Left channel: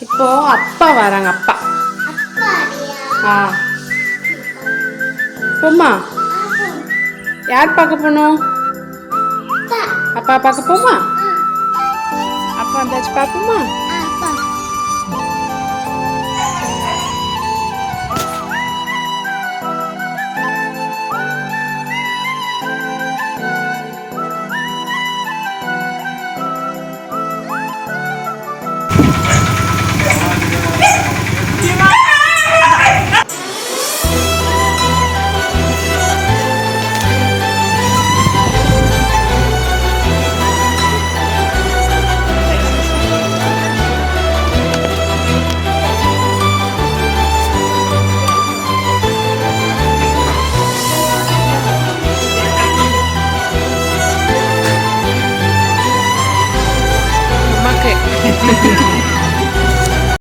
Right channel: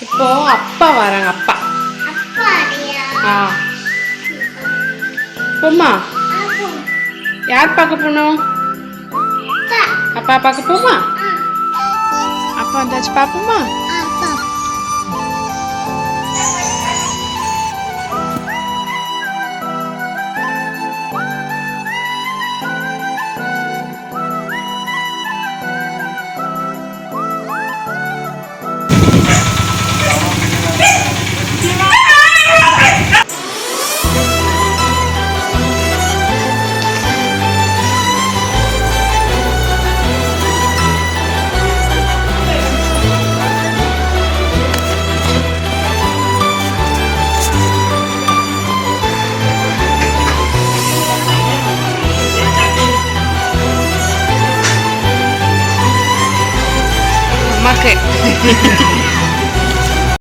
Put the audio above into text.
இப்போ அப்பா வராங்க. அப்பா ஆ போமா? யார் பார்க்க போகணும்? அப்பா பார்க்க போமா? அப்பா வந்தாச்சு பார்ப்போமா?